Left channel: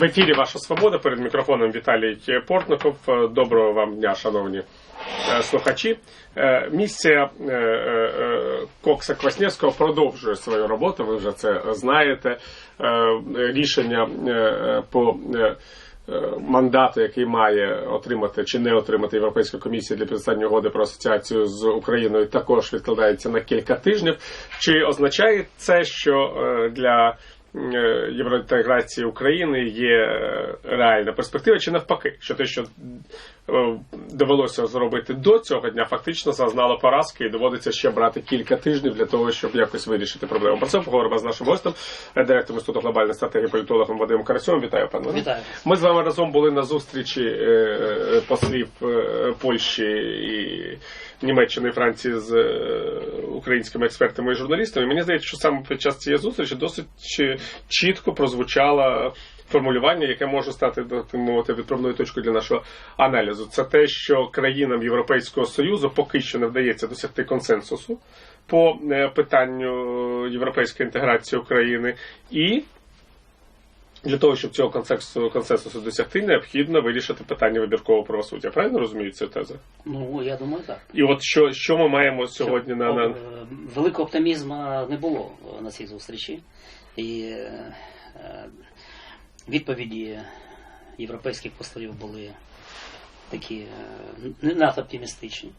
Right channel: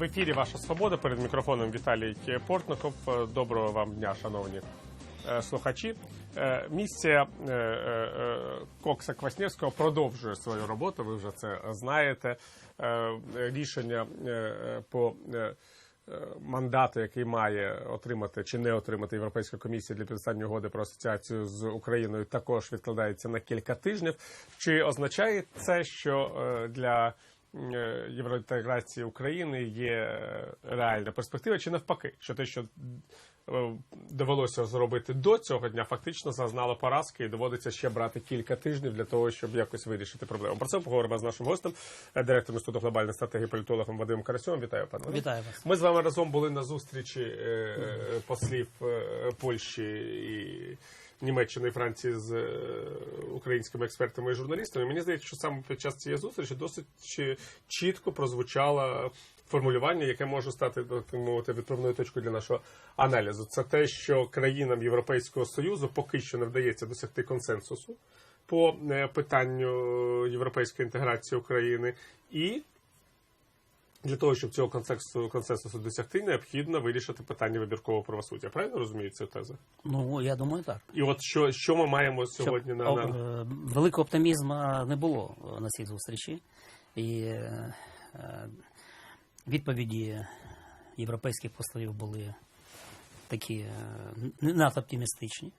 В ефірі Ваша Свобода перед мікрофоном Віталій Портников. Е, Доброго вам дня, шановні е, слухачі. Е, Місія Кокса Квасневського продовжує свою роботу. Ви вже це знаєте. Рішення по мандату, який має отримати чи не отримати Європейська комісія для підписання угоди про асоціацію з Україною, також відкладається на кілька тижнів. Чи означає це, що для євроінтеграції України є е, реальна перспектива, чи навпаки, що те, що е, довелося зробити до цього дня, фактично зазнало поразки і доводиться ще брати кілька тижнів для того, щоб якось вирішити проблему. Про це поговоримо з нашим гостем, е, директором Інституту глобальної стратегії політологом Вадимом Карасьовим. Вітаю пане. Вітаю. Ми з вами разом були на зустрічі е, е, послів е, Польщі і Німеччини і Франції з е, українськими експертами і журналістами. Мені здається, що саме під час цієї зустрічі досить чітко прозвучало формулювання, яке може стати мовити відправною точкою для нашого аналізу. Це те, що країнам Європейського союзу поки що не вдається досягти консенсусу по е, питанню європейської інтеграції України і для того, щоб цього консенсусу, консенсусу досягти, необхідно вирішити питання вибіркового правосуддя. Правильно розумію цю тезу? Ну, я думаю, так. І от що, що ми маємо сьогодні на, на е, Великого оптимізму не було на цій зустрічі. І е, відповіді європейських послів були такі е, не надто оптимістичні.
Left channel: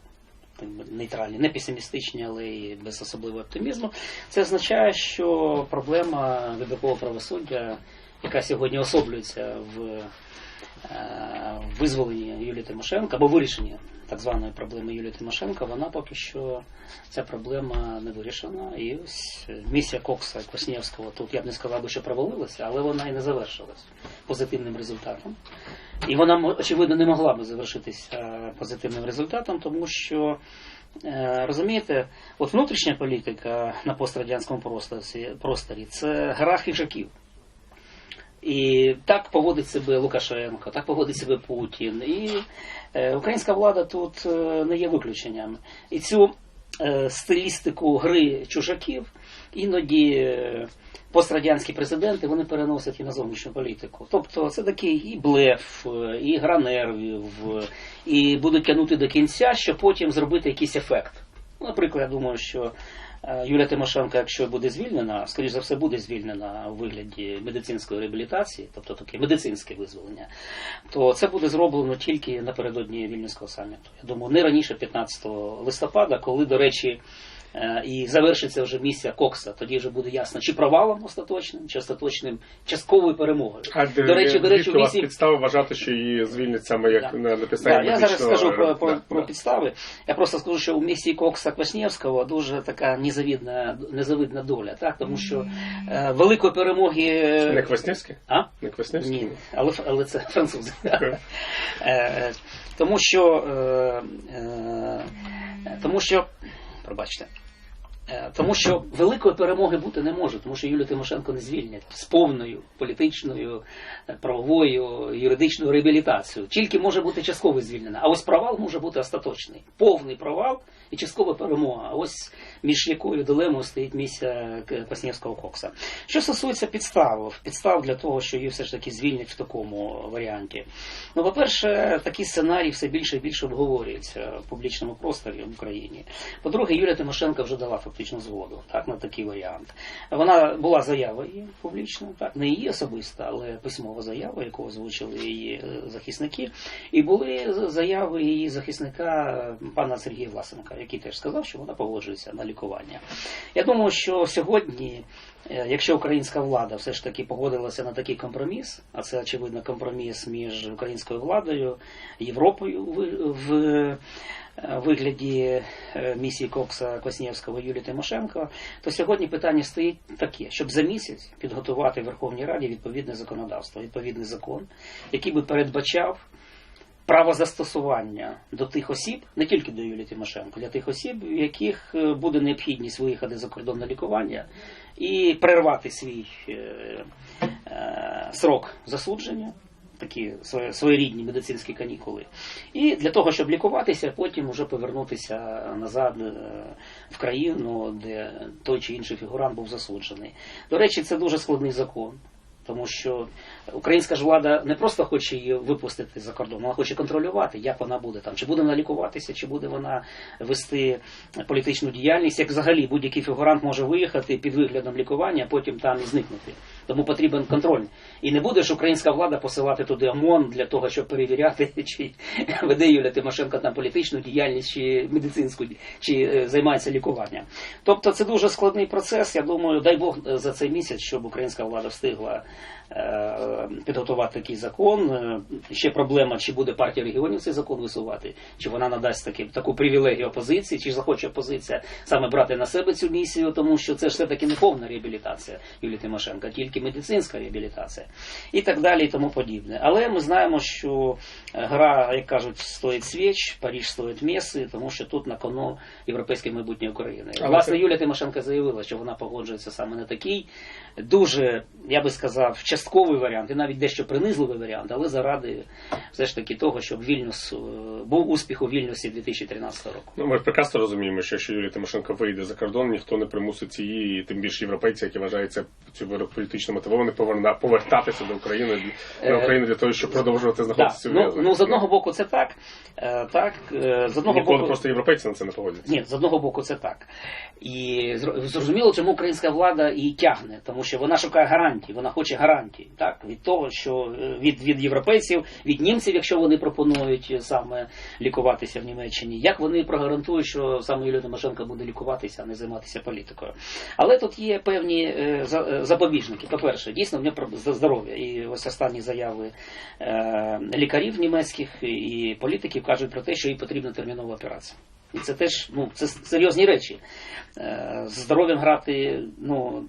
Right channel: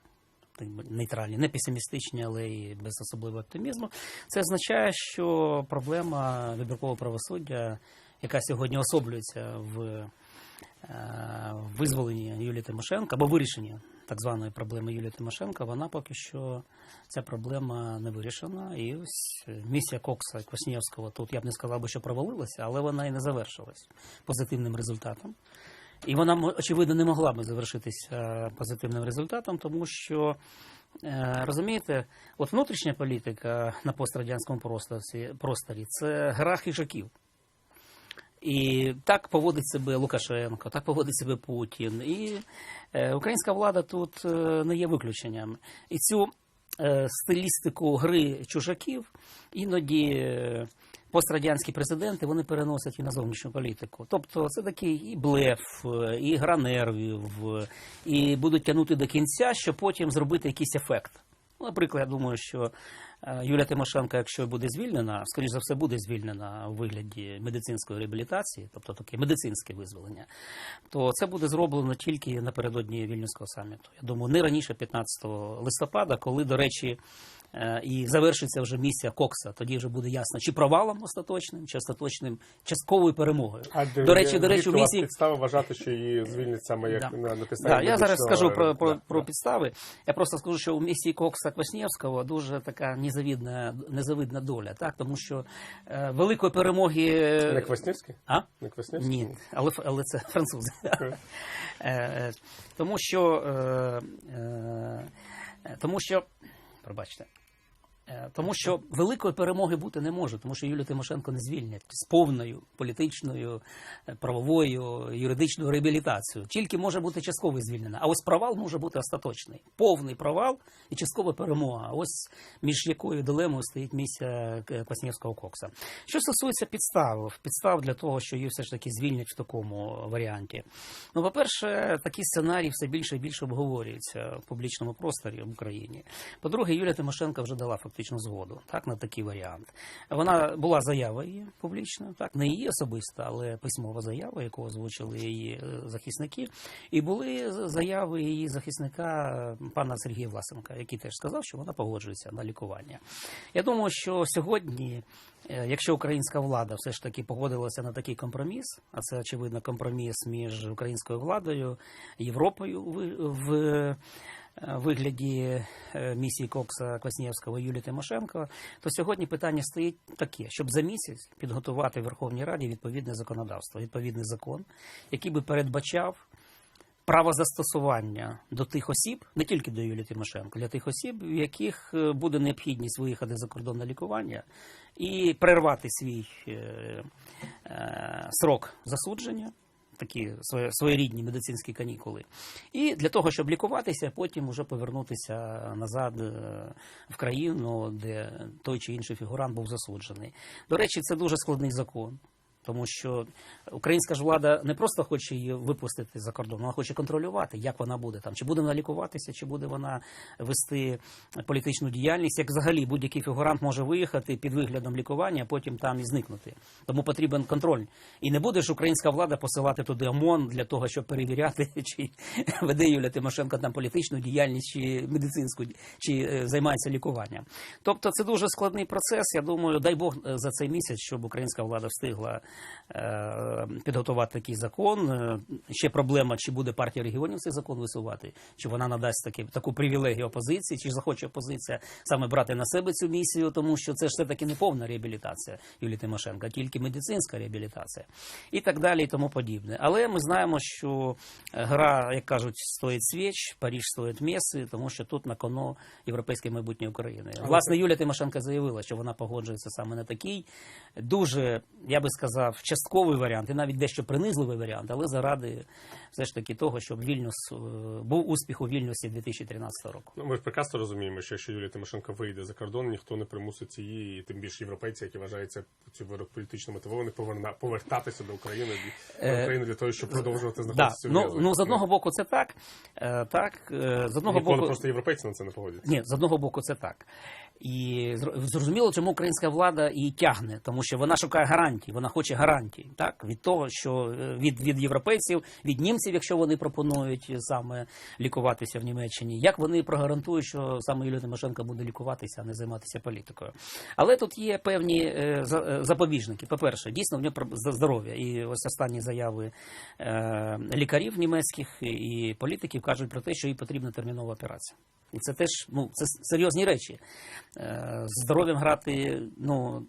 Нейтральні, не песимістичні, але і без особливого оптимізму. Це означає, що проблема вибіркового правосуддя, яка сьогодні особлюється в е, визволенні Юлії Тимошенко або вирішенні так званої проблеми Юлії Тимошенко, вона поки що ця проблема не вирішена. І ось місія Кокса і Коснєвського тут я б не сказав би, що провалилася, але вона і не завершилась позитивним результатом. І вона очевидно не могла би завершитися е, позитивним результатом, тому що е, розумієте, от внутрішня політика на пострадянському просторі це гра хижаків. І так поводить себе Лукашенко, так поводить себе Путін. І е, українська влада тут е, не є виключенням. І цю е, стилістику гри чужаків іноді пострадянські президенти вони переносять і на зовнішню політику. Тобто це такий і блеф, і гра нервів, і будуть тягнути до кінця, щоб потім зробити якийсь ефект. Ну, Наприклад, я думаю, що Юлія Тимошенко, якщо буде звільнена, скоріш за все буде звільнена у вигляді медицинської реабілітації, тобто таке медицинське визволення, то це буде зроблено тільки напередодні вільнюського саміту. Я думаю, не раніше 15 листопада, коли, до речі, е, і завершиться вже місія Кокса. Тоді вже буде ясно, чи провалом остаточним, чи остаточним частковою перемогою. а, До речі, до речі, у місії підстави вважати, що її звільнять саме як Да. на, на підставі Да, я зараз скажу про, про, Да, про да. підстави. Я просто скажу, що у місії Кокса Кваснєвського дуже така незавідна, незавидна доля, так? тому що е, великої перемоги. Не Квасневський? А? Не Квасневський? Ні, але, але це французи. Е, е, Тому що, е, е, тому що, пробачте, Е, тому що великої перемоги бути не може, тому що Юлію Тимошенко не звільнять з повною політичною, е, правовою, юридичною реабілітацією. Тільки може бути частково звільнена. А ось провал може бути остаточний. Повний провал і часткова перемога. Ось між якою дилемою стоїть місія Коснєвського Кокса. Що стосується підстав, підстав для того, що її все ж таки звільнять в такому варіанті. Ну, по-перше, такі сценарії все більше і більше обговорюються в публічному просторі в Україні. По-друге, Юлія Тимошенко вже дала фактично згоду так, на такий варіант. Вона була заява її так, не її особиста, але письмова заява, яку озвучили її е, захисники. І були заяви її захисника е, пана Сергія Власенка, який теж сказав, що вона погоджується на лікування. Я думаю, що сьогодні. Е, Якщо українська влада все ж таки погодилася на такий компроміс, а це очевидно компроміс між українською владою, Європою в- е, вигляді е, місії Кокса Коснєвського Юлії Тимошенко, то сьогодні питання стоїть таке, щоб за місяць підготувати Верховній Раді відповідне законодавство, відповідний закон, який би передбачав право застосування до тих осіб, не тільки до Юлії Тимошенко, для тих осіб, в яких е, буде необхідність виїхати за кордон на лікування і перервати свій е, е, срок засудження. Такі своєрідні медицинські канікули, і для того, щоб лікуватися, потім вже повернутися назад в країну, де той чи інший фігурант був засуджений. До речі, це дуже складний закон. Тому що українська ж влада не просто хоче її випустити за кордон, вона хоче контролювати, як вона буде там, чи буде вона лікуватися, чи буде вона вести політичну діяльність. Як взагалі будь-який фігурант може виїхати під виглядом лікування, а потім там і зникнути. Тому потрібен контроль. І не буде ж українська влада посилати туди ОМОН для того, щоб перевіряти, чи веде Юля Тимошенко там політичну діяльність, чи медицинську, чи е, займається лікуванням. Тобто це дуже складний процес. Я думаю, дай Бог е, за цей місяць, щоб українська влада встигла підготувати такий закон. Е, Ще проблема, чи буде партія регіонів цей закон висувати, чи вона надасть таки, таку привілегію опозиції, чи захоче опозиція саме брати на себе цю місію, тому що це ж все-таки не повна реабілітація Юлії Тимошенко, тільки медицинська реабілітація і так далі, і тому подібне. Але ми знаємо, що е, гра, як кажуть, стоїть свіч, Паріж стоїть міси, тому що тут на кону європейське майбутнє України. Власне, Юлія Тимошенко заявила, що вона погоджується саме на такий дуже, я би сказав, частковий варіант і навіть дещо принизливий варіант, але заради все ж таки того, щоб Вільнюс е, був успіх у Вільнюсі 2013 року. Ну, ми ж прекрасно розуміємо, що якщо Юлія Тимошенко вийде за кордон, ніхто не примусить її, і тим більше європейці, які вважаються цю вирок політично мотивовані, повертатися до України до Е, України для того, щоб продовжувати знаходитися в Ну, ну, з одного боку, це так. Е, так з одного ніколи боку, просто європейці на це не погодяться. Ні, з одного боку, це так. І зрозуміло, чому українська влада її тягне, тому що вона шукає гарантій, вона хоче гарантій, так від того, що е, від, від європейців, від німців, якщо вони пропонують саме лікуватися в Німеччині, як вони прогарантують, що саме Юлія Тимошенко буде лікуватися, а не займатися політикою. Але тут є певні е, е, запобіжники. По-перше, дійсно в про- здоров'я. І ось останні заяви е, лікарів німецьких і політиків кажуть про те, що їй потрібна термінова операція. І це теж ну, це серйозні речі. Е, З здоров'ям грати ну,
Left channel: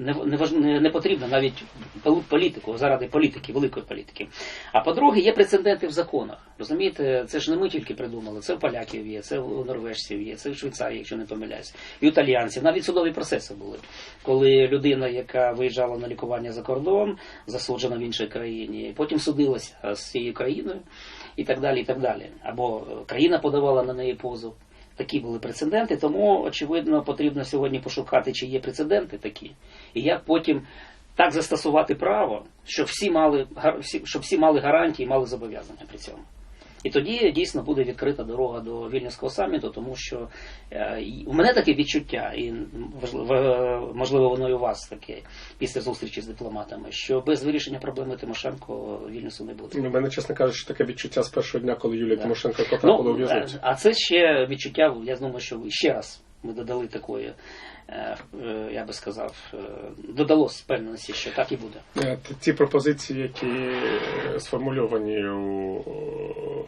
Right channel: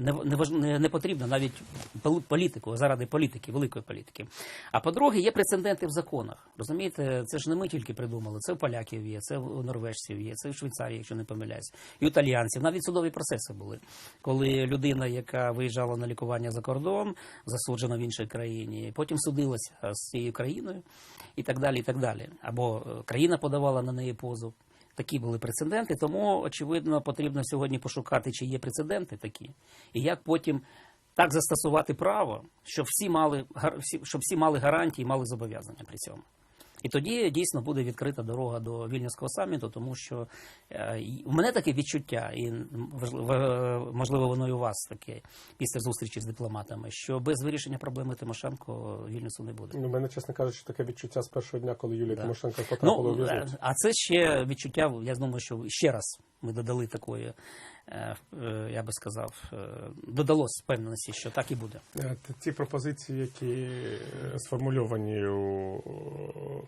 не, не, не, потрібно навіть пол- політику, заради політики, великої політики. А по-друге, є прецеденти в законах. Розумієте, це ж не ми тільки придумали, це в поляків є, це у норвежців є, це в Швейцарії, якщо не помиляюсь, і італіянців. Навіть судові процеси були, коли людина, яка виїжджала на лікування за кордон, засуджена в іншій країні, потім судилася з цією країною і так далі. і так далі. Або е, країна подавала на неї позов. Такі були прецеденти, тому очевидно потрібно сьогодні пошукати, чи є прецеденти такі, і як потім так застосувати право, щоб всі мали щоб всі мали гарантії, мали зобов'язання при цьому. І тоді дійсно буде відкрита дорога до вільнюського саміту, тому що е, у мене таке відчуття, і е, можливо, воно і у вас таке після зустрічі з дипломатами, що без вирішення проблеми Тимошенко вільнюсу не буде. У мене, чесно кажучи, таке відчуття з першого дня, коли Юлія Да. Тимошенко потрапила Ну, в'язницю. е, а це ще відчуття, я думаю, що ще раз ми додали такої, я би сказав, е, додалось впевненості, що так і буде. Е, Ті пропозиції, які е, сформульовані у е,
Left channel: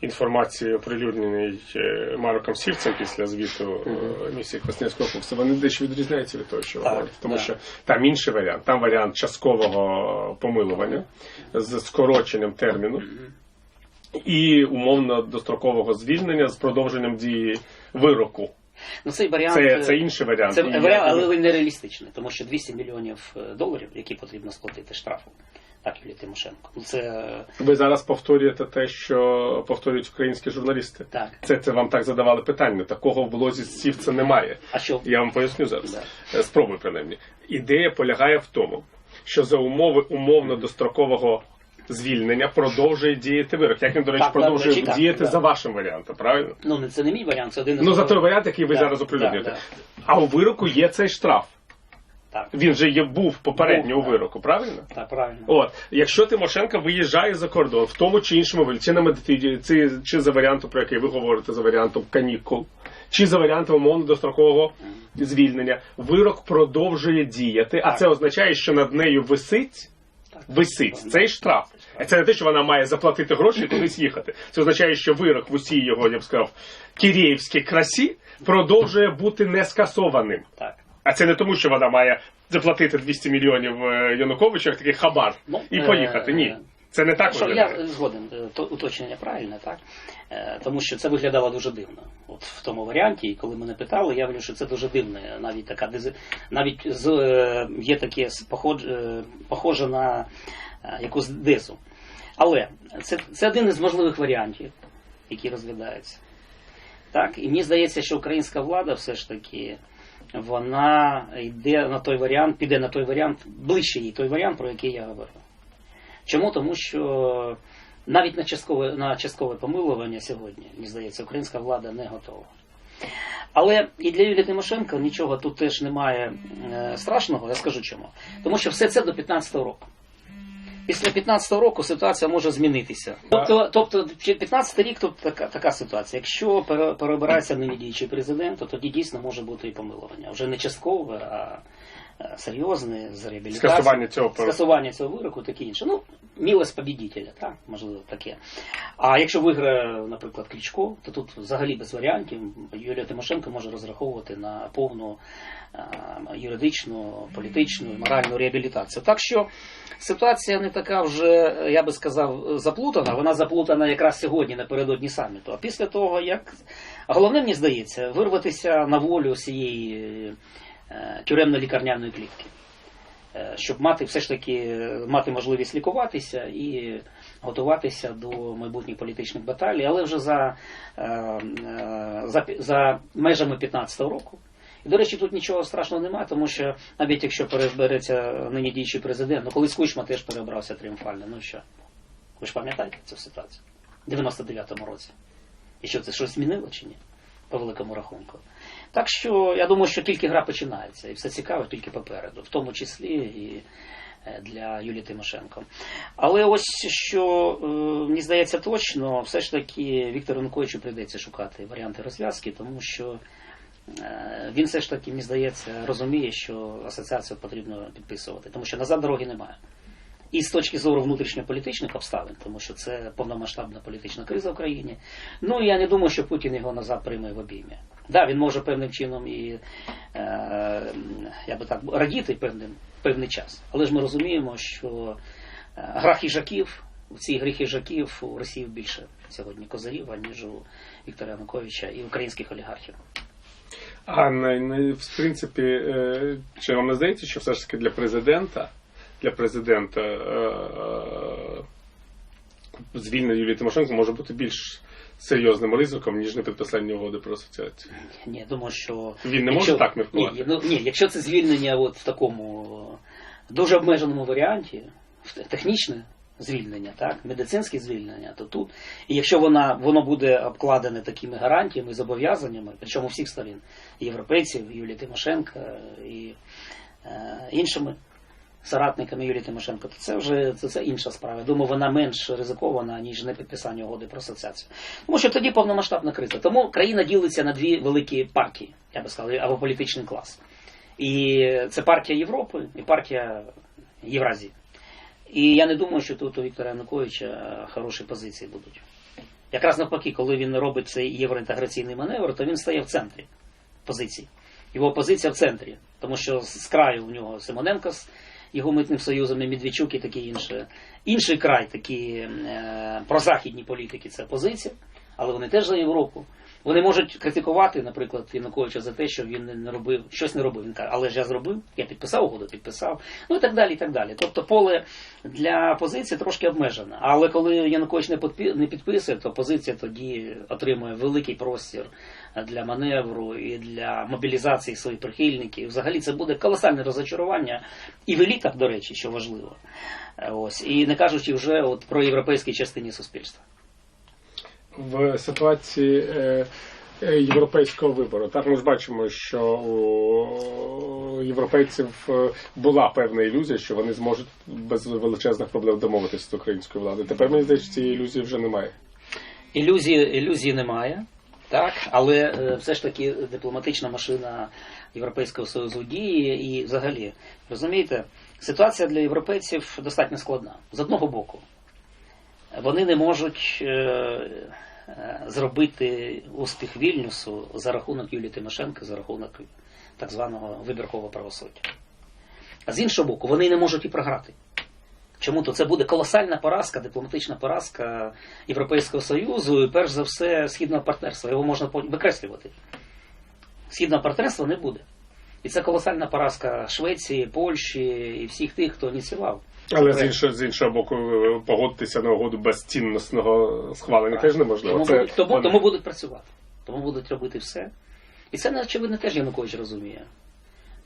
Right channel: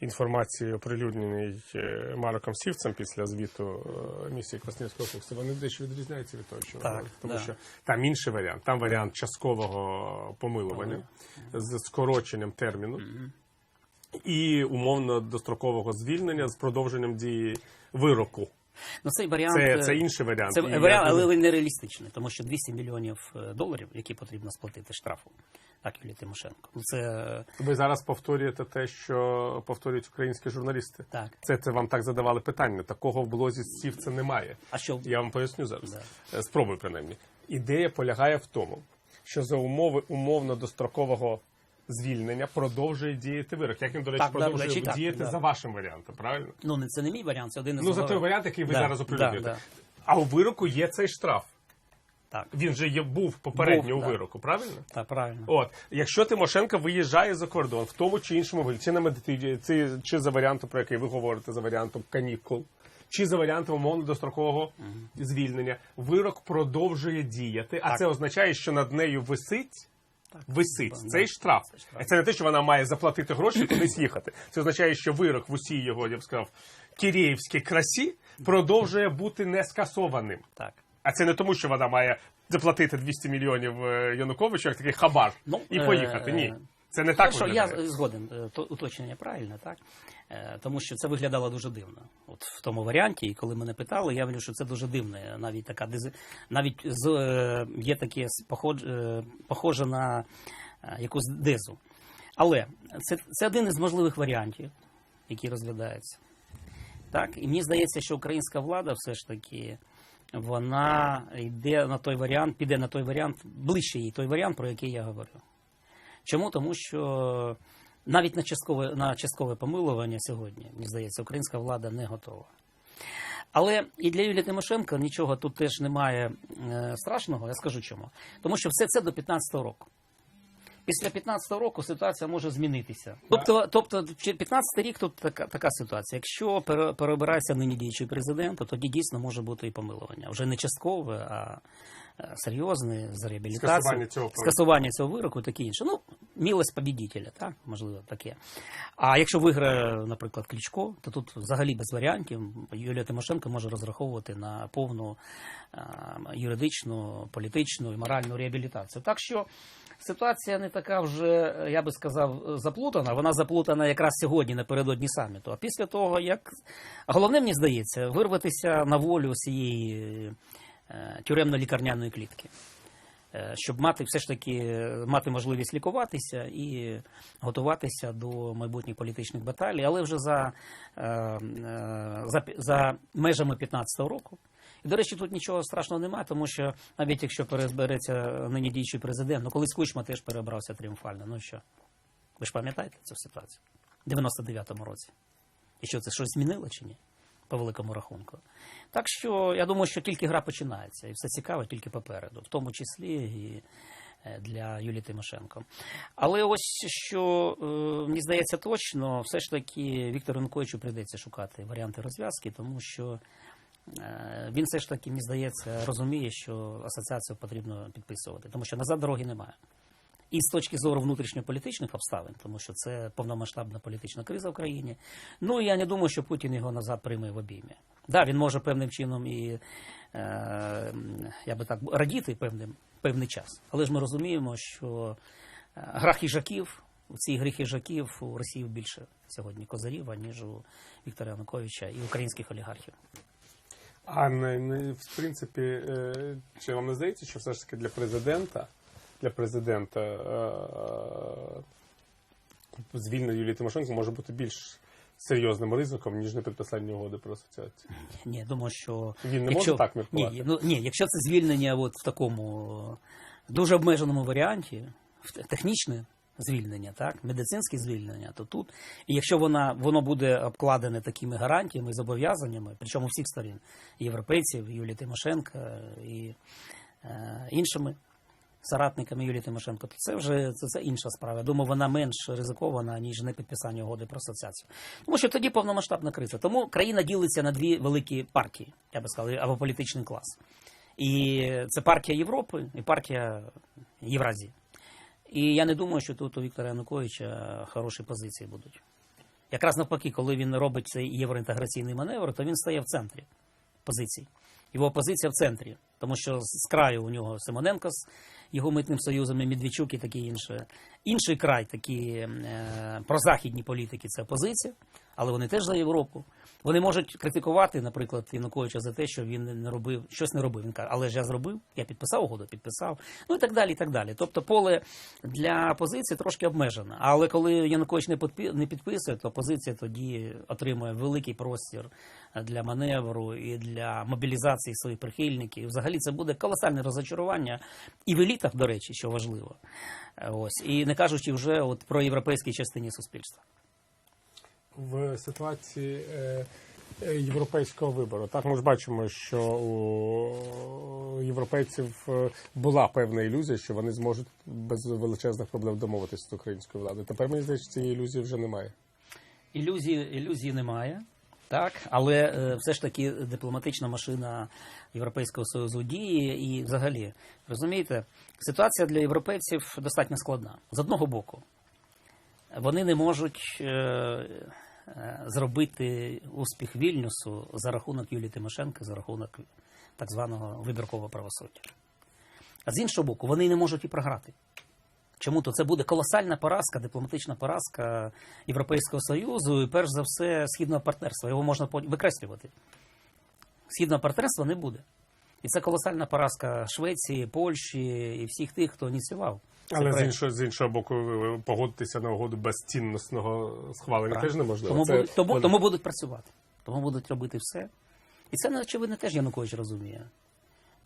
інформації оприлюдненій е, Мароком Сівцем після звіту е, місії Квасневського курсу, вони дещо відрізняються від того, що Так, говорите. Тому да. що там інший варіант. Там варіант часткового помилування з скороченням терміну і умовно дострокового звільнення з продовженням дії вироку. Ну, цей варіант, Це, е, це інший варіант. Це варіант, але він нереалістичний, тому що 200 мільйонів е, доларів, які потрібно сплатити штрафу, так Юлії Тимошенко. Ну це е, Ви зараз повторюєте те, що повторюють українські журналісти. так. Це, це вам так задавали питання. Такого в блозі Сівця немає. А що? Я вам поясню зараз. Да. Спробую принаймні. Ідея полягає в тому, що за умови умовно дострокового звільнення продовжує діяти вирок. Як він, до речі, Так, продовжує так, діяти да. за вашим варіантом, правильно? Ну не це не мій варіант, це один із Ну за той варіант, який ви Да, зараз оприлюднюєте. да. А у вироку є цей штраф. Так, Він же є був попередньо Був, у так. вироку, правильно? так, правильно. От, якщо Тимошенко виїжджає за кордон в тому чи іншому вигляді, чи на медитиді, чи, чи за варіантом, про який ви говорите, за варіантом канікул, чи за варіантом умовно дострокового звільнення, вирок продовжує діяти, а Так. це означає, що над нею висить. Висить цей штраф. Це не те, що вона має заплатити гроші і кудись їхати. Це означає, що вирок в усій його, я б сказав, кіріївській красі продовжує бути не скасованим. Так. А це не тому, що вона має заплатити 200 мільйонів е, Януковичу, як такий хабар, Ну, і е, поїхати. Ні. Це не так Що виглядає. я згоден, е, то уточнення правильне, так? Е, Тому що це виглядало дуже дивно. От в тому варіанті, і коли мене питали, я говорю, що це дуже дивно. Навіть така навіть з е, є таке е, похоже на е, якусь дезу. Але це, це один із можливих варіантів, який розглядається. Так, і мені здається, що українська влада все ж таки вона йде на той варіант, піде на той варіант, ближче їй той варіант, про який я говорю. Чому? Тому що навіть на часткове, на часткове помилування сьогодні, мені здається, українська влада не готова. Але і для Юлії Тимошенко нічого тут теж немає е, страшного, я скажу чому. Тому що все це до 15-го року. Після 15-го року ситуація може змінитися. Тобто, тобто 15 рік тут така, така ситуація. Якщо пере- переобирається нині діючий президент, то тоді дійсно може бути і помилування. Вже не часткове, а е, серйозне з реабілітацією. Скасування цього скасування цього вироку, таке інше. Ну, мілость побідітеля, так, можливо, таке. А якщо виграє, наприклад, Кличко, то тут взагалі без варіантів Юлія Тимошенко може розраховувати на повну юридичну, політичну і моральну реабілітацію. Так що ситуація не така вже, я би сказав, заплутана. Вона заплутана якраз сьогодні напередодні саміту. А після того, як головне, мені здається, вирватися на волю цієї е, тюремно-лікарняної клітки. Е, Щоб мати все ж таки е, мати можливість лікуватися і готуватися до майбутніх політичних баталій, але вже за, е, за, за межами 15-го року. І, до речі, тут нічого страшного немає, тому що навіть якщо перебереться нині діючий президент, ну колись Кучма теж перебрався тріумфально. Ну що? Ви ж пам'ятаєте цю ситуацію? В 99-му році. І що це щось змінило чи ні? По великому рахунку. Так що я думаю, що тільки гра починається, і все цікаво тільки попереду, в тому числі і е, для Юлії Тимошенко. Але ось що е, мені здається точно, все ж таки Віктору Януковичу прийдеться шукати варіанти розв'язки, тому що е, він все ж таки, мені здається, розуміє, що асоціацію потрібно підписувати, тому що назад дороги немає. І з точки зору внутрішньополітичних обставин, тому що це повномасштабна політична криза в країні. Ну і я не думаю, що Путін його назад прийме в обіймі. Да, він може певним чином і е, я би так радіти певним, певний час. Але ж ми розуміємо, що е, гра хижаків, в цій грі хижаків у Росії більше сьогодні козарів, аніж у Віктора Януковича і українських олігархів. А не, не, в принципі, е, чи вам не здається, що все ж таки для президента, для президента е, е, звільнення Юлії Тимошенко може бути більш серйозним ризиком, ніж не підписання угоди про асоціацію? Ні, я думаю, що Він не може так міркувати? Ні, ну, ні, якщо це звільнення от в такому дуже обмеженому варіанті, технічне звільнення, так, медицинське звільнення, то тут, і якщо вона, воно буде обкладене такими гарантіями, зобов'язаннями, причому всіх сторін, і європейців, Юлії Тимошенко, і е, іншими соратниками Юлії Тимошенко, то це вже це, це інша справа. Я думаю, вона менш ризикована, ніж не підписання угоди про асоціацію. Тому що тоді повномасштабна криза. Тому країна ділиться на дві великі партії, я би сказав, або політичний клас. І це партія Європи і партія Євразії. І я не думаю, що тут у Віктора Януковича хороші позиції будуть. Якраз навпаки, коли він робить цей євроінтеграційний маневр, то він стає в центрі позицій. Його позиція в центрі. Тому що з краю у нього Симоненко його митним союзом, і Медведчук і таке інше. Інший край, такі е, прозахідні політики, це опозиція, але вони теж за Європу. Вони можуть критикувати, наприклад, Януковича за те, що він не робив, щось не робив. Він каже, але ж я зробив, я підписав угоду, підписав. Ну і так далі. і так далі. Тобто поле для позиції трошки обмежене. Але коли Янукович не підпи- не підписує, то позиція тоді отримує великий простір для маневру і для мобілізації своїх прихильників. Взагалі це буде колосальне розочарування і в елітах, до речі, що важливо. Е, Ось і не кажучи вже от про європейській частині суспільства. в ситуації е, е, європейського вибору. Так ми ж бачимо, що у європейців була певна ілюзія, що вони зможуть без величезних проблем домовитися з українською владою. Тепер мені здається, цієї ілюзії вже немає. Ілюзії, ілюзії немає, так, але е, все ж таки дипломатична машина Європейського Союзу діє і взагалі, розумієте, ситуація для європейців достатньо складна. З одного боку, вони не можуть е, е, зробити успіх Вільнюсу за рахунок Юлії Тимошенко, за рахунок так званого вибіркового правосуддя. А з іншого боку, вони не можуть і програти. Чому то це буде колосальна поразка, дипломатична поразка Європейського Союзу і перш за все східного партнерства. Його можна викреслювати. Східного партнерства не буде. І це колосальна поразка Швеції, Польщі і всіх тих, хто ініціював. Але з іншого, з іншого боку, погодитися на угоду без цінностного схвалення теж неможливо. Тому, Це тому, тому будуть працювати. Тому будуть робити все. І це, очевидно, теж Янукович розуміє.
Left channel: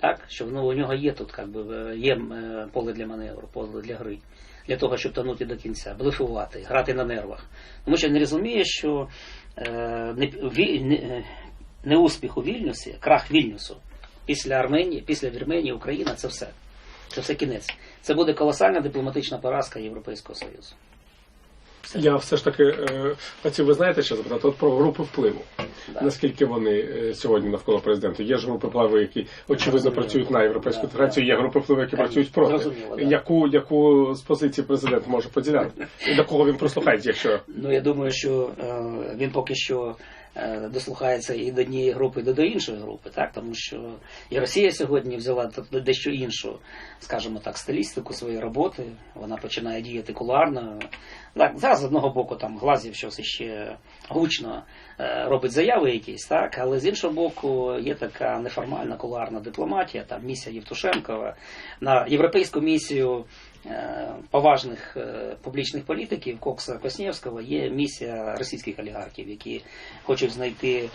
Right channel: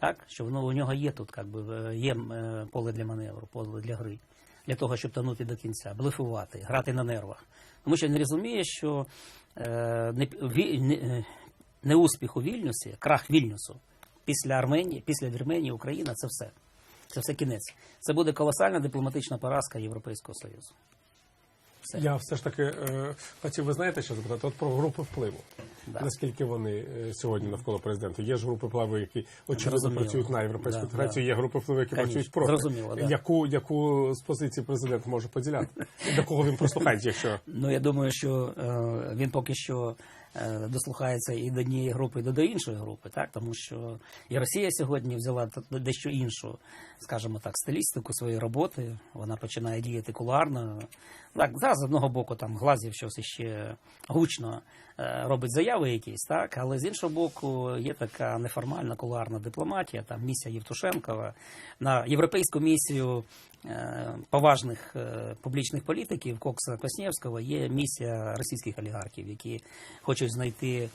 Так, що воно у нього є тут, як би, е, є е, поле для маневру, поле для гри, для того, щоб тонути до кінця, блефувати, грати на нервах. Тому що він розуміє, що е, не, ві- не, е, у Вільнюсі, крах Вільнюсу після Арменії, після Вірменії, Україна це все. Це все кінець. Це буде колосальна дипломатична поразка Європейського Союзу. Я все ж таки е, хотів, ви знаєте, що запитати от про групи впливу. Да. Наскільки вони е, сьогодні навколо президента? Є ж групи впливу, які очевидно працюють на європейську Да, інтеграцію, є групи впливу, які працюють проти. зрозуміло, да. Яку, яку з позиції президент може поділяти? І до кого він прослухається? якщо Ну, я думаю, що е, він поки що дослухається і до однієї групи, і до іншої групи, так? тому що і Росія сьогодні взяла дещо іншу, скажімо так, стилістику своєї роботи. Вона починає діяти кулуарно. Так, зараз з одного боку там Глазів щось іще гучно е, робить заяви якісь, так, але з іншого боку є така неформальна кулуарна дипломатія, там місія Євтушенкова на європейську місію е, поважних е, публічних політиків Кокса Коснєвського є місія російських олігархів, які хочуть знайти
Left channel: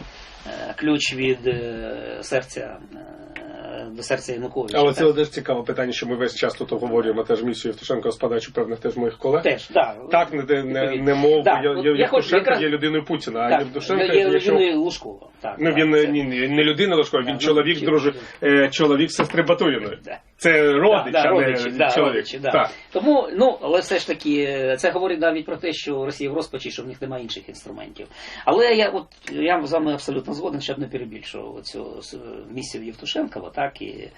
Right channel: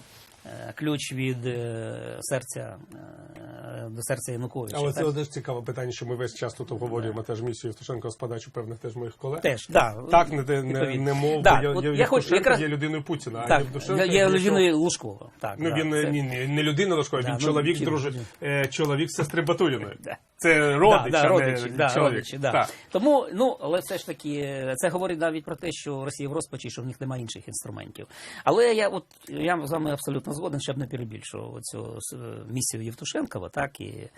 е, ключ від е, серця е, до серця Януковича. але так? це теж цікаве питання, що ми весь час тут обговорюємо теж місію Євтушенка з подачі певних теж моїх колег. Теж, да, Так, не, не, не мов, Да, я, я, я хочу якраз- є людиною Путіна, а Так, Євтушенко я, я є, людиною Лужкова. Так, Ну він це- ні, не людина Лужкова, він чоловік, е, чоловік сестри Батуріної. Це родич, да, да, родичі, да, родичі, да. Так. Тому, ну, але все ж таки, це говорить навіть про те, що Росія в розпачі, що в них немає інших інструментів. Але я от я з вами абсолютно згоден, щоб не перебільшував цю місію Євтушенкова, так і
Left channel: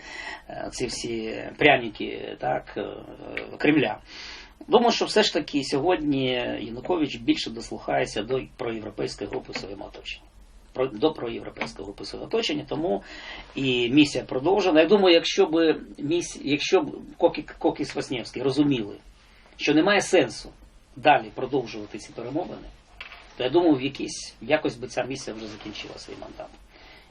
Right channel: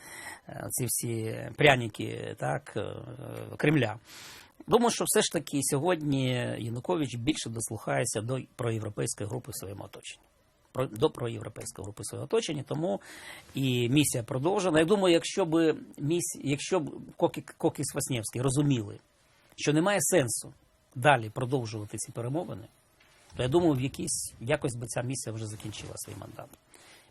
е, ці всі пряники, так, е, Кремля. Думаю, що все ж таки сьогодні Янукович більше дослухається до проєвропейської групи в своєму оточенні. До проєвропейського групи оточення, тому і місія продовжена. Я думаю, якщо б міс... якщо б Кокі... Кокіс Васнєвський розуміли, що немає сенсу далі продовжувати ці перемовини, то я думаю, в якійсь якось би ця місія вже закінчила свій мандат.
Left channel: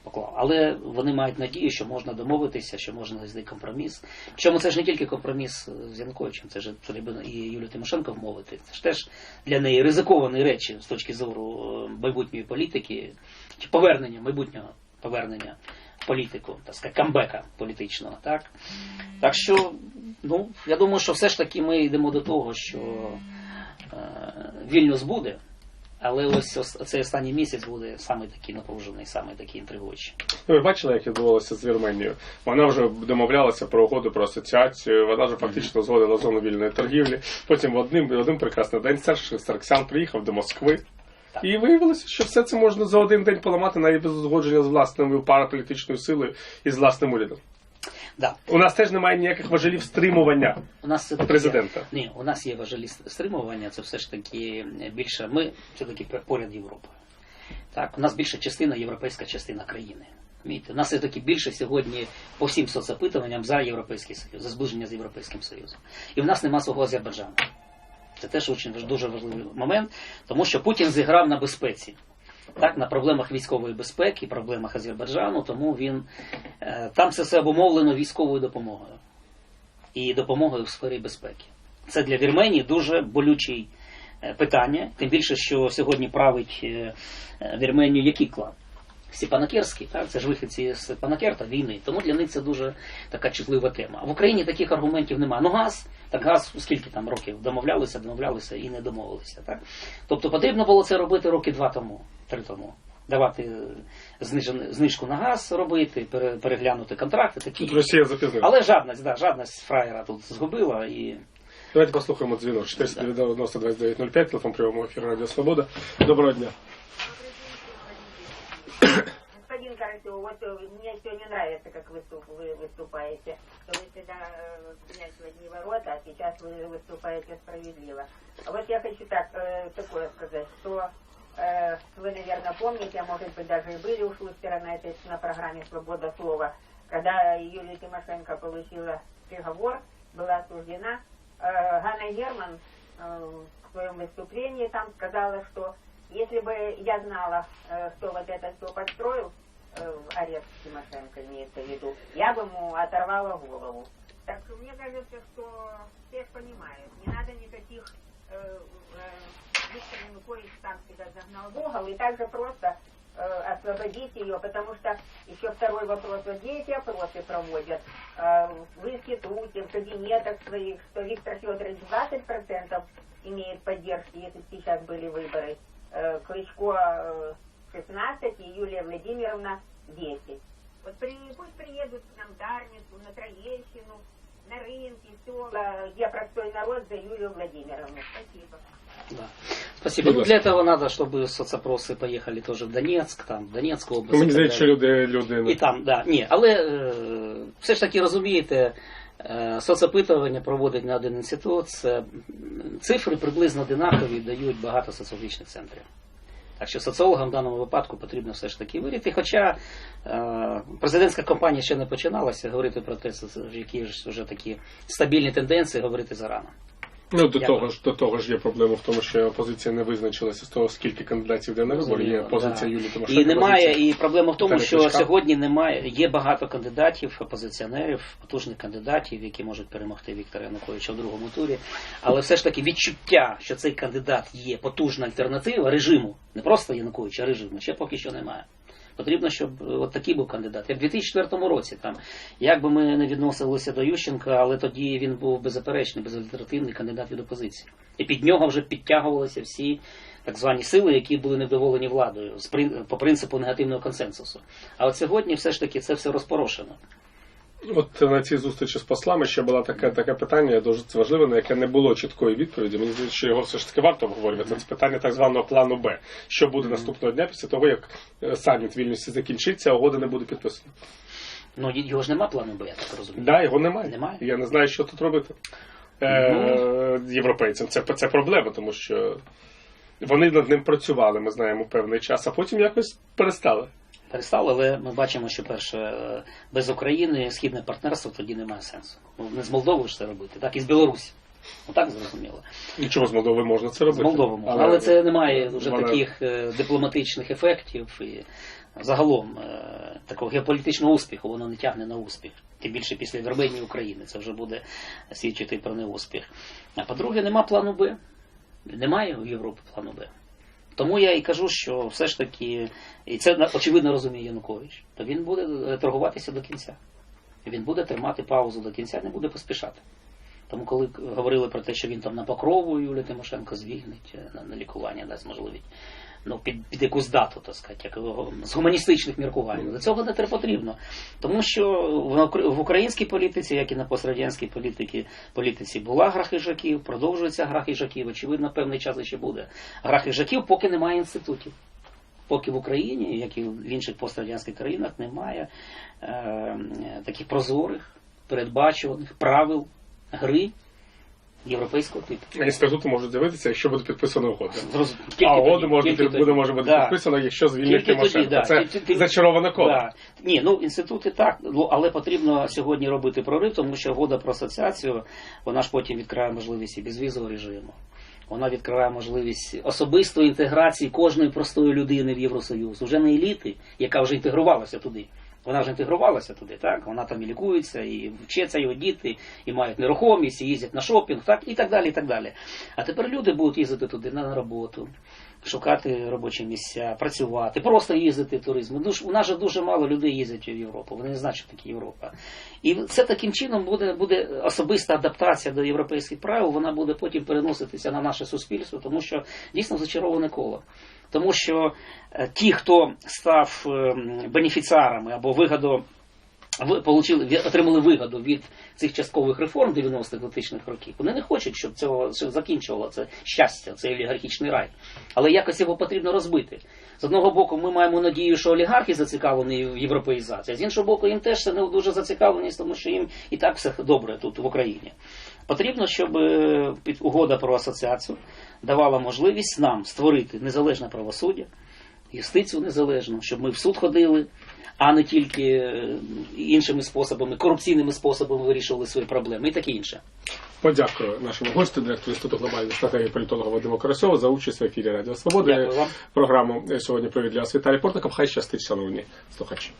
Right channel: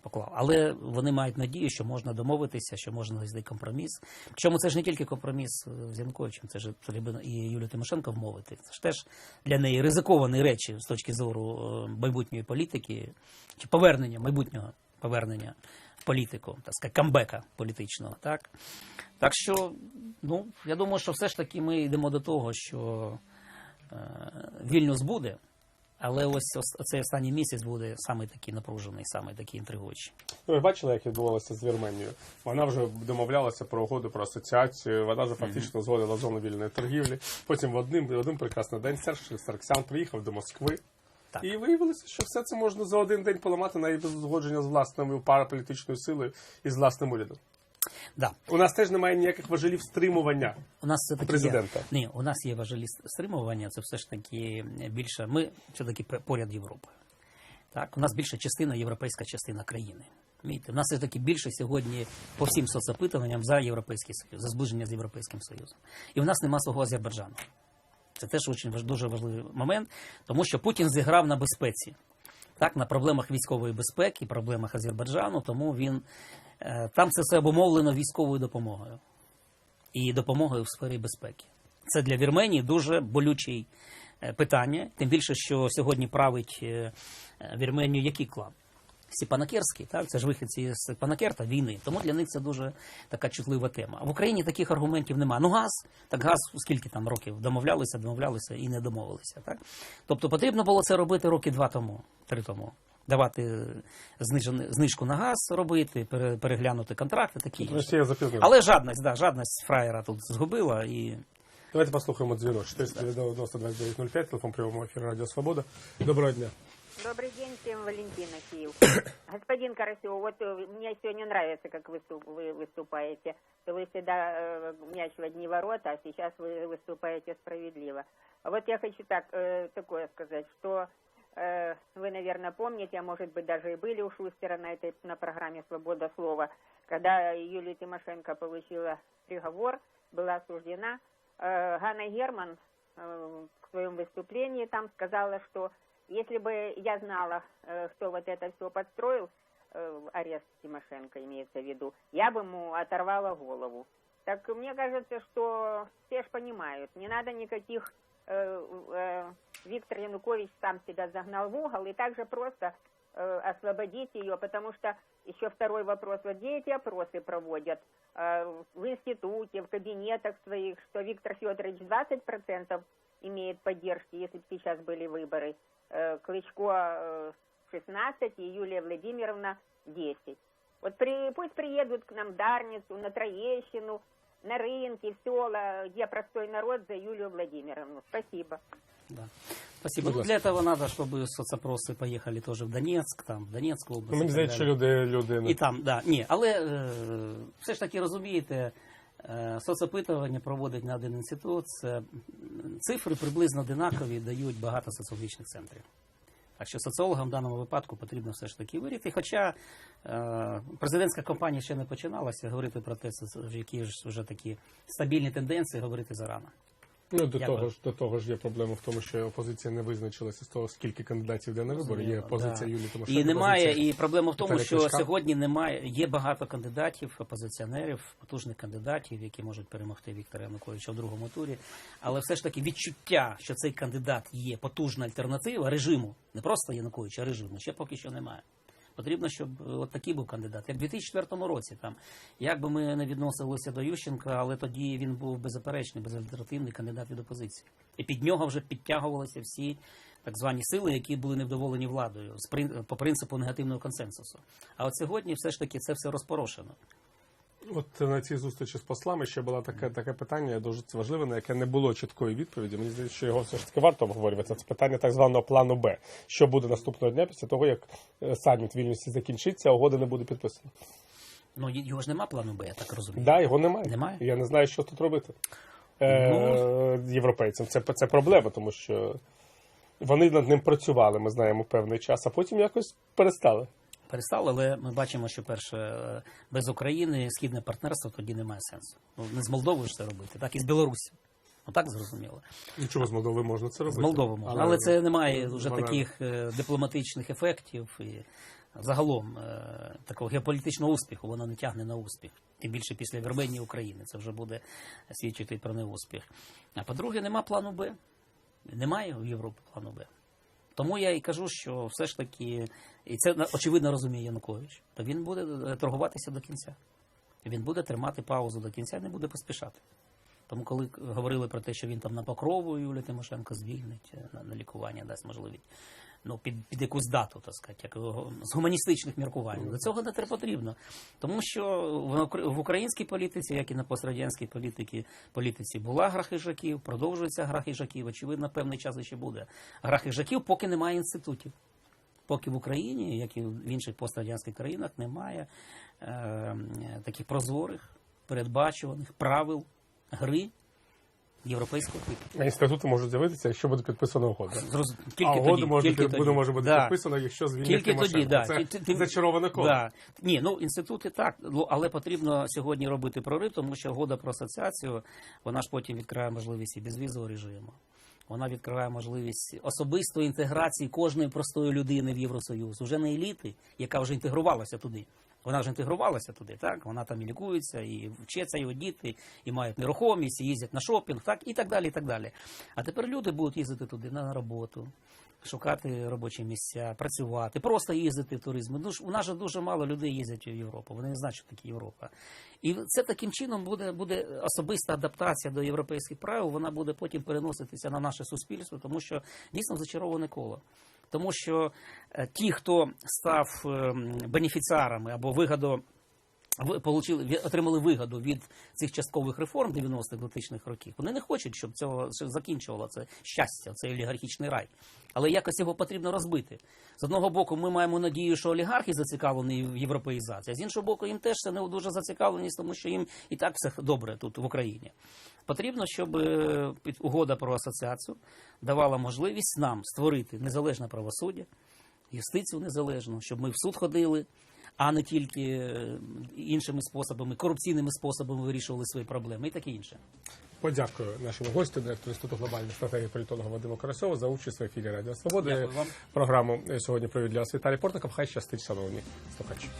Поклав. Але вони мають надію, що можна домовитися, що можна знайти компроміс. Причому це ж не тільки компроміс е, з Януковичем, це ж треба і Юлію Тимошенко вмовити. Це ж теж для неї ризиковані речі з точки зору е, майбутньої політики, чи повернення, майбутнього повернення в політику, так сказати, камбека політичного. Так? так що, ну, я думаю, що все ж таки ми йдемо до того, що е, Вільнюс буде. Але ось цей останній місяць буде саме такий напружений, саме такий інтригуючий. Ну, ви бачили, як відбувалося з Вірменією? Вона вже домовлялася про угоду про асоціацію, вона вже фактично згодила зону вільної торгівлі. Потім в один, в один прекрасний день Серж Сарксян приїхав до Москви. Так. І виявилося, що все це можна за один день поламати навіть без узгодження з власною параполітичною силою і з власним урядом. Да. У нас теж немає ніяких важелів стримування. У нас все Президента. Ні, у нас є важелі стримування, це все ж таки більше. Ми все-таки поряд Європи. Так, у нас більша частина європейська частина країни. Розумієте? У нас все таки більше сьогодні по всім соцопитуванням за Європейський Союз, за зближення з Європейським Союзом. І в нас нема свого Азербайджану. Це теж дуже важливий момент, тому що Путін зіграв на безпеці. Так, на проблемах військової безпеки, проблемах Азербайджану, тому він е, там це все обумовлено військовою допомогою і допомогою в сфері безпеки. Це для Вірменії дуже болючий е, питання, тим більше, що сьогодні править е, е, Вірменію який клан? Степанакерський, так, це ж вихідці з Панакерта війни, тому для них це дуже така чутлива тема. А в Україні таких аргументів немає. Ну газ, так газ, скільки там років домовлялися, домовлялися і не домовилися. Так? Тобто потрібно було це робити роки два тому, три тому. Давати е, знижен- знижку на газ робити, пере- переглянути контракти такі. Тут інші. Росія запізнила. Але жадність, да, жадність фраєра тут згубила і Давайте послухаємо дзвінок. 490 2905, телефон прямого ефіру Радіо Свобода. Доброго дня. Добрый день всем, Валентина Киев. Господин Карасев, вот э, мне сегодня нравится, как выступ, вы выступаете. Вы всегда э, мяч в одни ворота, а сейчас вы выступаете справедливо. А Вот я хочу так, э, такое сказать, что э, вы, наверное, помните, а может быть даже и были у Шустера на этой на программе «Свобода слова», когда Юлия Тимошенко получила приговор, была осуждена. Э, Ганна Герман э, в своем выступлении там сказала, что если бы я знала, э, кто вот это все подстроил, э, арест Тимошенко имеется в виду, я бы ему оторвала голову. Так мне кажется, что все понимают, не надо никаких... э, э, Виктор Янукович сам себя загнал в угол, и так же просто э, освободить ее, потому что еще второй вопрос, вот где эти опросы проводят? Э, в институте, в кабинетах своих, что Виктор Федорович 20% имеет поддержки, если сейчас были выборы, э, Клычко э, 16 и Юлия Владимировна 10. Вот при, пусть приедут к нам в Дарницу, на Троещину, на рынки, в села, где простой народ за Юлию Владимировну. Спасибо. Да. Спасибо. Будь Для ласка. этого надо, чтобы соцопросы поехали тоже в Донецьк, там, в Донецьку область. Ну, мені і так здається, що далі. люди, люди І там, да. Ні, але е, все ж таки розумієте, е, соцопитування проводить не один інститут. Це м, цифри приблизно одинакові дають багато соціологічних центрів. Так що соціологам в даному випадку потрібно все ж таки виріти. Хоча е, президентська кампанія ще не починалася, говорити про те, які ж вже такі стабільні тенденції, говорити зарано. Ну, до того ж, до того ж є проблема в тому, що опозиція не визначилася з того, скільки кандидатів йде на вибори. Є позиція да. Юлії Тимошенко. І немає, і проблема в тому, що сьогодні немає, є багато кандидатів, опозиціонерів, потужних кандидатів, які можуть перемогти Віктора Януковича в другому турі. Але все ж таки відчуття, що цей кандидат є потужна альтернатива режиму, не просто Януковича, а режиму, ще поки що немає. Потрібно, щоб е, от такий був кандидат. Як в 2004 році, там, як би ми не відносилися до Ющенка, але тоді він був беззаперечний, безальтернативний кандидат від опозиції. І під нього вже підтягувалися всі так звані сили, які були невдоволені владою по принципу негативного консенсусу. А от сьогодні все ж таки це все розпорошено. От на цій зустрічі з послами ще було таке, таке питання дуже важливе, на яке не було чіткої відповіді. Мені здається, що його все ж таки варто обговорювати. Це питання так званого плану Б. Що буде наступного дня після того, як е, саміт в Вільнюсі закінчиться, а угода не буде підписана. Ну його ж нема плану Б, я так розумію. Да, його немає. Немає? Я не знаю, що тут робити. Е, європейцям. Це, це проблема, тому що вони над ним працювали, ми знаємо, певний час, а потім якось перестали. Перестало, але ми бачимо, що перше без України східне партнерство тоді немає сенсу. Ну не з Молдовою ж це робити, так і з Білорусі. Ну так зрозуміло. Нічого з Молдови можна це З робити. Молдовою можна. Але це не має вже вона- таких е, дипломатичних ефектів і загалом е, такого геополітичного успіху, воно не тягне на успіх. Тим більше після Вірменії України це вже буде свідчити про неуспіх. А по-друге, нема плану Б. Немає в Європі плану Б. Тому я і кажу, що все ж таки, і це очевидно розуміє Янукович, то він буде е, торгуватися до кінця. Він буде тримати паузу до кінця, не буде поспішати. Тому коли говорили про те, що він там на покрову Юлія Тимошенко звільнить е, на лікування, дасть можливість. Ну, під, під якусь дату, так сказати, як з гуманістичних міркувань. Для цього не треба потрібно. Тому що в, українській політиці, як і на пострадянській політиці, політиці була гра хижаків, продовжується гра хижаків, очевидно, певний час ще буде. Гра хижаків, поки немає інститутів. Поки в Україні, як і в інших пострадянських країнах, немає е, таких прозорих, передбачуваних правил гри європейського типу. Інститути можуть з'явитися, якщо буде підписана угода. Зроз- тільки а угода може, бути- тоді. може бути Да. підписана, якщо звільнять Тільки тоді, Тимошенко. да. Це Ті- ті- зачароване коло. Да. Ні, ну інститути так, ну, але потрібно сьогодні робити прорив, тому що угода про асоціацію, вона ж потім відкриває можливість і безвізового режиму. Вона відкриває можливість особистої інтеграції кожної простої людини в Євросоюз. Уже не еліти, яка вже інтегрувалася туди. Вона ж інтегрувалася туди, так? Вона там і лікується, і вчаться його діти, і мають нерухомість, і їздять на шопінг, так, і так далі, і так далі. А тепер люди будуть їздити туди на роботу, шукати робочі місця, працювати, просто їздити в туризм. Ну, ж- у нас же дуже мало людей їздять в Європу. Вони не знають, що таке Європа. І це таким чином буде, буде особиста адаптація до європейських правил, вона буде потім переноситися на наше суспільство, тому що дійсно зачароване коло. Тому що е, ті, хто став ем, бенефіціарами або вигоду ви- получили, отримали вигоду від цих часткових реформ 90-х 2000-х років. Вони не хочуть, щоб цього закінчувало це щастя, цей олігархічний рай. Але якось його потрібно розбити. З одного боку, ми маємо надію, що олігархи зацікавлені в європеїзації, з іншого боку, їм теж це не дуже зацікавленість, тому що їм і так все добре тут в Україні. Потрібно, щоб е, угода про асоціацію давала можливість нам створити незалежне правосуддя, юстицію незалежну, щоб ми в суд ходили, а не тільки е, іншими способами, корупційними способами вирішували свої проблеми і таке інше. Подякую нашому гостю, директору Інституту глобальної стратегії політолога Вадиму Карасьову за участь в ефірі Радіо Свобода. Дякую вам. Програму сьогодні провів для вас Віталій Портников. Хай щастить, шановні слухачі.